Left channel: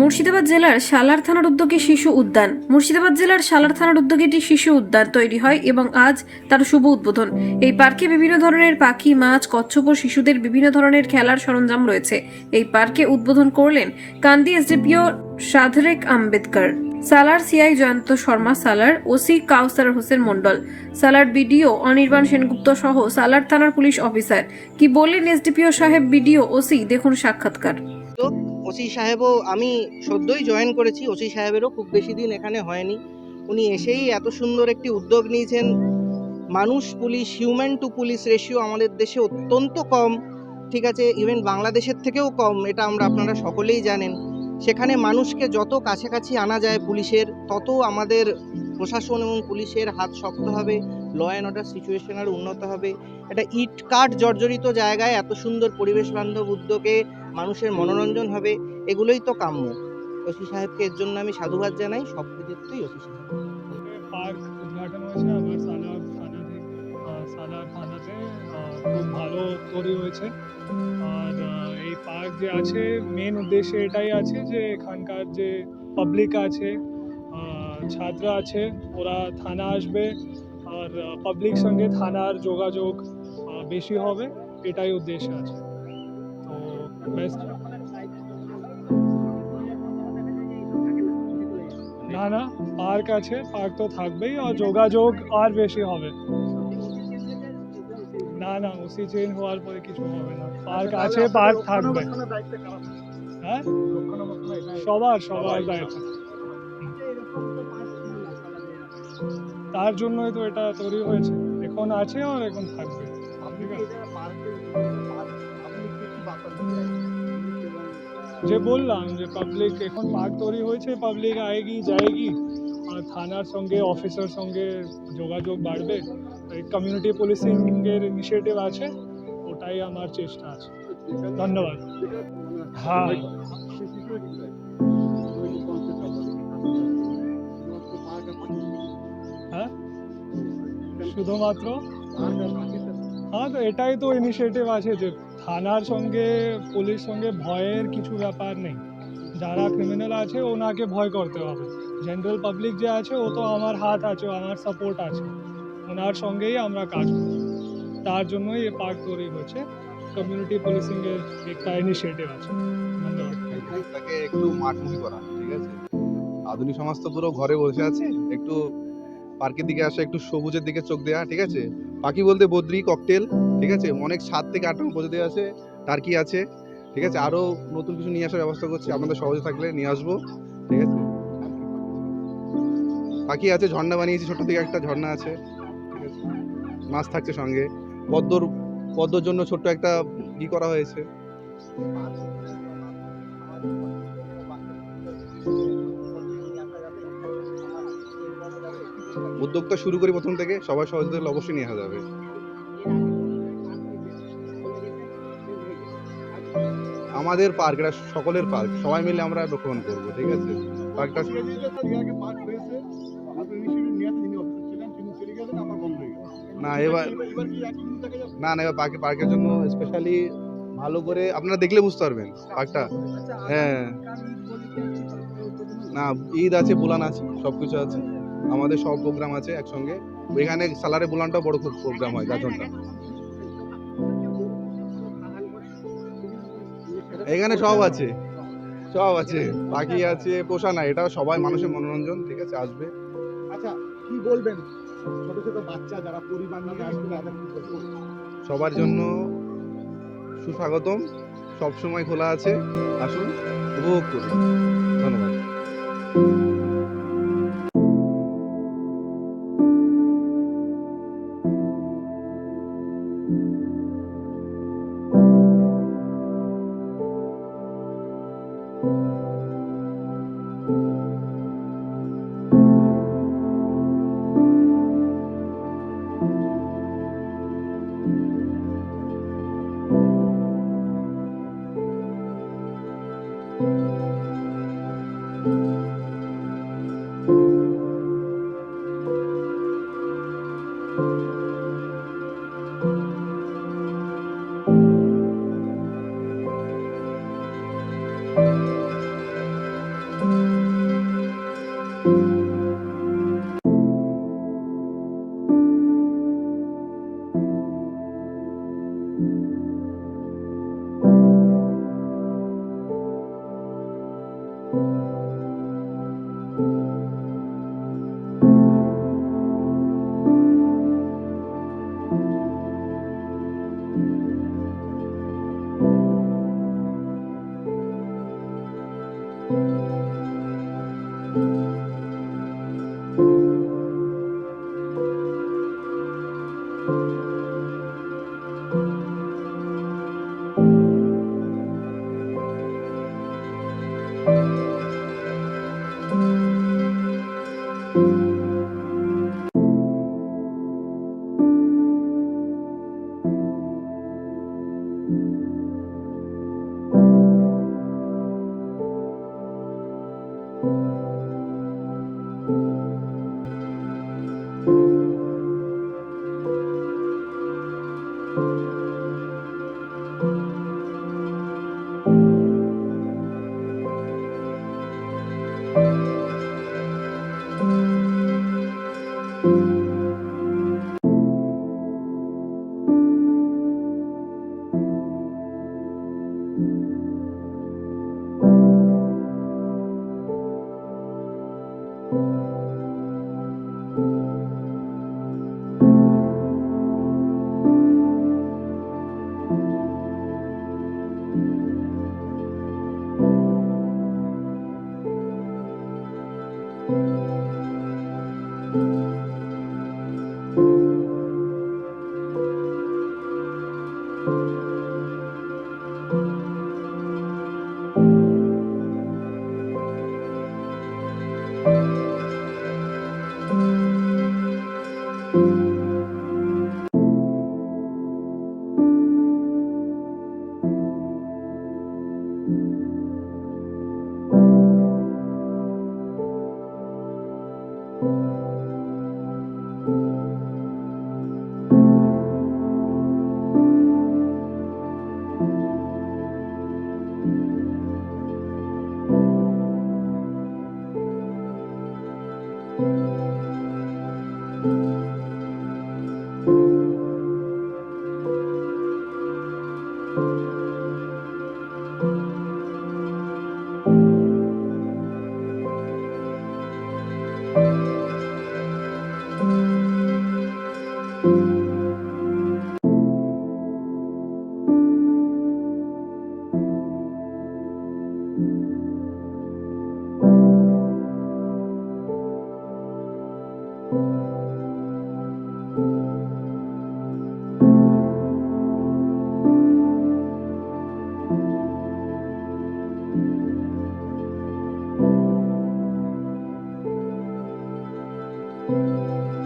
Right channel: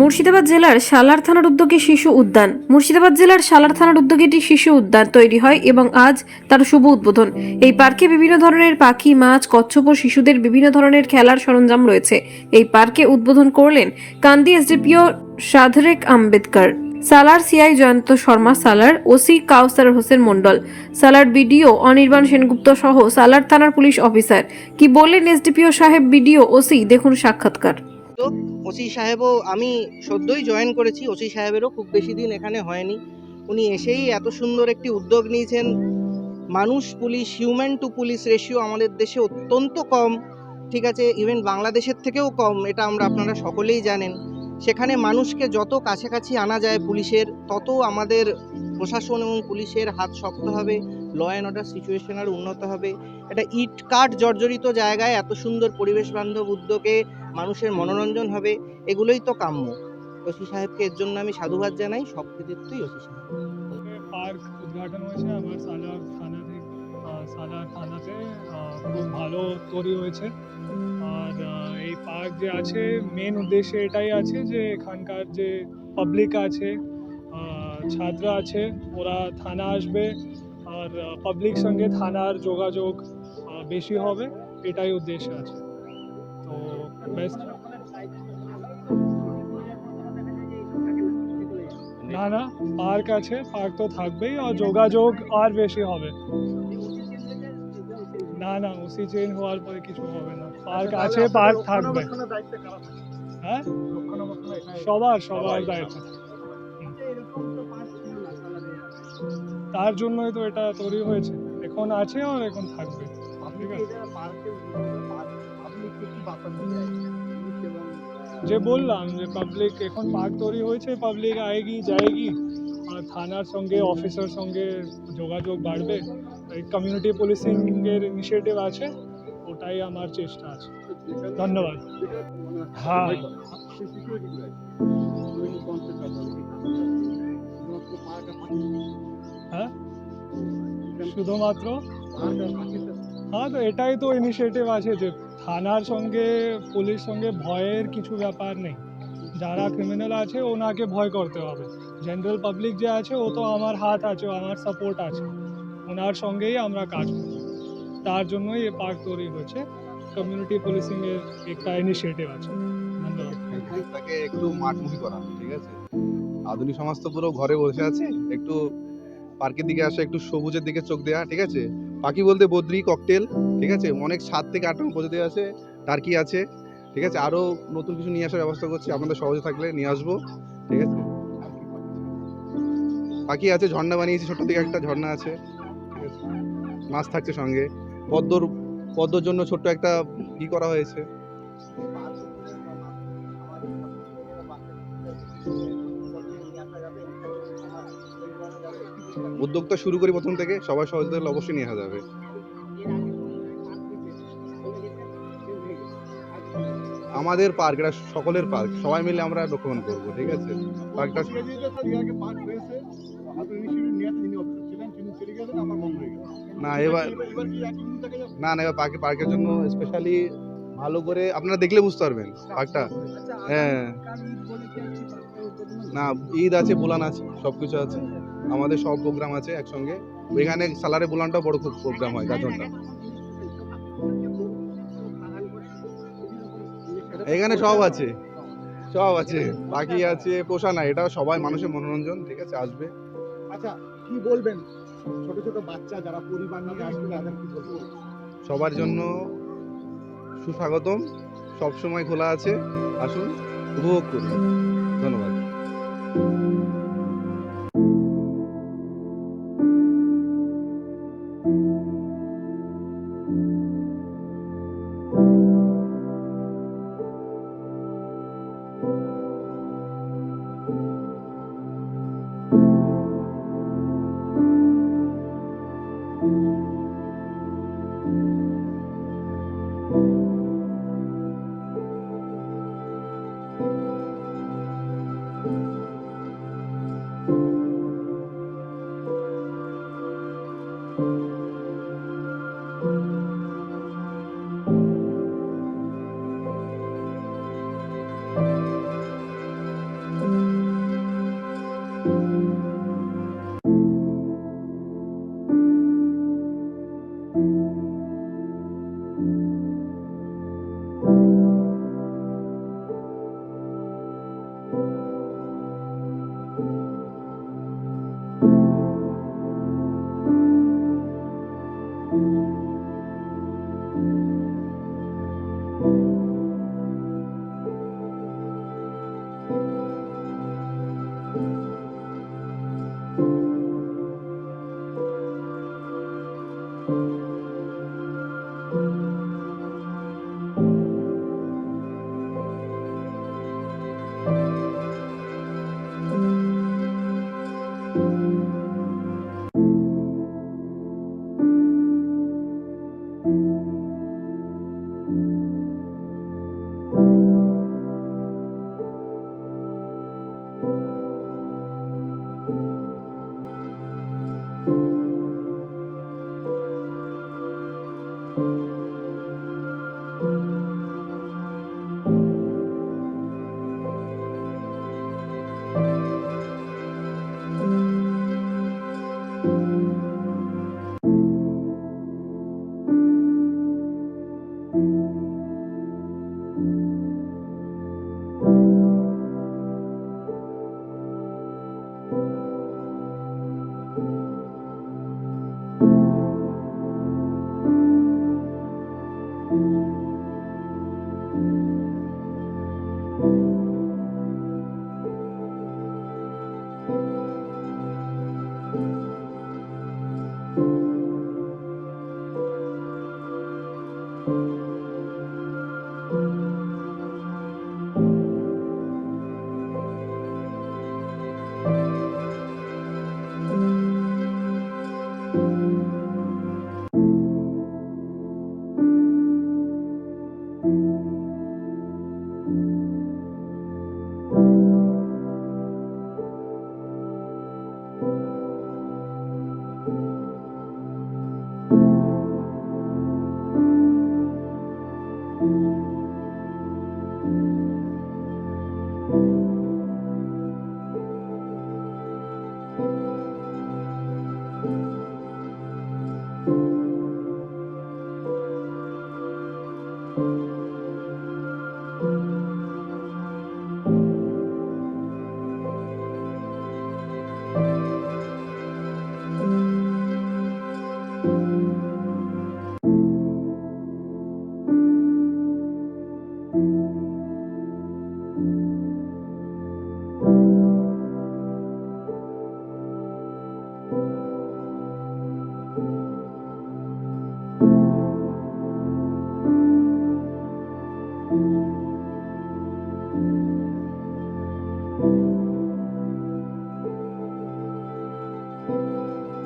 মুর্শিদাবাদ জেলার সালার থানার উদ্যোগে শিশু উদ্যান। মুর্শিদাবাদ জেলার সালার থানার উদ্যোগে একটি শিশু উদ্যান তৈরি হয় এবং আজ তার শুভ উদ্বোধন। এই পার্কে বিভিন্ন ধরনের পাখি, মাছ, কচ্ছপ ও শিশুদের বিভিন্ন ধরনের খেলার সরঞ্জাম রয়েছে। এই পার্কে উদ্বোধন করলেন Kandi SDPO সাধরেক Ambedkar, Salar CI Jayanta Sharma, Salar OC Kausar Hossain Mondal Salar BDO Anirban Sengupta সহ সালার থানার পুলিশ অফিসার। কি বললেন এসডিপিও সাহেব, বিডিও, ওসি, দেখুন সাক্ষাৎকার। তো ওসি সাহেবও আমি সদ্যই জয়েন করেছি, ওসি সাহেবেরও খুব বেশি দিন এখানে হয়নি। উনি এসেই এত সুন্দর একটি উদ্যোগ নিয়েছেন। মানুষ, police human to police ratio আমাদের দেশে অত্যন্ত কম। ঠিক আছে ইভেন বাংলাদেশের থেকেও কম, এটা আমরা আপনারা সকলেই জানেন। সেখানে মানুষকে যত কাছাকাছি আনা যায় পুলিশের, তত আমাদের প্রশাসন এবং পুলিশের হাত শক্ত হবে ল অ্যান্ড অর্ডার সিচুয়েশন আর উন্নত হবে। একটা ইট কাঠ জর্জরিত জায়গায় এত সুন্দর পরিবেশ বান্ধব উদ্যোগে মানুষের মনোরঞ্জন হবে এগুলোই তো কাম্য। ওসি সাহেবকে এর জন্য আমি সাধুবাদ জানাই সব কৃতিত্বই ওসি সাহেব। পার্ক উদ্ঘাটন হয়েছে আমার সালার থানা থেকে আহ, সালার থানাতে খুব ভালো তৈরি হয়েছে। আর এই পার্ক যে আছে মেন উদ্দেশ্য এটাই আছে যে এখানকার যে পাবলিক আছে ছাত্র আছে ওরা থানা আসবে আর পাবলিক সঙ্গে থানার যোগাযোগ বেশি হবে এটাই উদ্দেশ্য আছে। বেস্ট না না পার্ক আছে পার্ক তো থাকবেই আর যোগাযোগ আর বেশি হবে। না না ওসি চেঞ্জ হওয়ার পরে কিছু হবে না। পার্ক আছে পার্ক থাকবে। হ্যাঁ? সবার সবার দায়িত্ব। তার জন্যই তো এটা তৈরি হয়েছে। এখন আছে আর এখন থাকবে। ঠিক আছে? যে বললাম যে পাবলিক এখন পার্ক তৈরি হয়েছে পাবলিক আয়েগি যায়গি, আর থানার সঙ্গে অফিসার সঙ্গে যোগাযোগ বাড়বে। এই কমিউনিটি এর ইনিশিয়েটিভ আছে, ওটাই আমার চেষ্টা আছে। ধন্যবাদ। হ্যাঁ। হ্যাঁ? শুধুমাত্র? হ্যাঁ তো এটাই তো ইনিশিয়েটিভ আছে যে থানার সঙ্গে, পুলিশ সঙ্গে ভয়ের কিছু ব্যাপার নেই। যারা ক্রিমিনাল আছে, ওনাকে ভয় করতে হবে। জেনারেল পাবলিক যে আছে, ও তো আমার হাত আছে, আমার সাপোর্ট আছে। ওনার সঙ্গেই আমরা কাজ করি। তার জন্যই এ পার্ক তৈরি হয়েছে। কমিউনিটি পুলিশিং এর একটা ইনিশিয়েটিভ আছে। ধন্যবাদ। একটু মাঠমুখী করা, ঠিক আছে? আধুনিক সমাজ তো পুরো ঘরে বসে আছে। একটু পার্কের দিকে আসা, একটু সবুজের দিকে চোখ দেওয়া ঠিক আছে? পাখি বলতে বদ্রি, ককটেল, ঠিক আছে? অনেক সাত থেকে আট রকম প্রজাতি আছে, টার্কি আছে, ঠিক আছে? আরও নতুন কিছু নিয়ে আসার ব্যবস্থা করছি, আপনাদের সহজে থাকলে নিয়ে আসব, ঠিক আছে? পাখি আছে, ঝর্ণা বানিয়েছি, ছোট থেকে একটা ঝর্ণা আছে, ঠিক আছে? মাছ থাকছে সঙ্গে। পদ্মর পদ্মর জন্য ছোট্ট একটা ই করা হয়েছে। উদ্যোগটা শুরু করি প্রথম থেকে, সবাই সহযোগিতা অবশ্যই নিয়ে আসা যাবে। আমাদের পার্ক এটা সকলের পার্ক সবাই মিলে আমরা রক্ষণ করব, ঠিক আছে? পার্কটা না, এবার না না, এবার পার্কে পার্কের জন্য স্পেশালি ভালো করে আপনারা দেখলে বুঝতে পারবেন পার্কটা। হ্যাঁ। না ঈদ আছে বুলান আছে সব কিছু আছে। আমাদের সব প্রোগ্রাম আছে একসঙ্গে। এখানে সালারে বুলানটাও বড় খুব প্রোগ্রাম হয় গাজনটা। এখানে সব আছে সব আছে পাখি আছে পোষা না এটা সবাই মানুষের মনোরঞ্জন ঠিক আছে আসবে। আচ্ছা কি বলবেন? ছোট ছোট বাচ্চা যারা পরিবার নিয়ে আসবে তাদের কি বলব? সবার জন্য সুস্বাগতম। সবসময় খোলা আছে। আসুন উপভোগ করুন। ধন্যবাদ। Música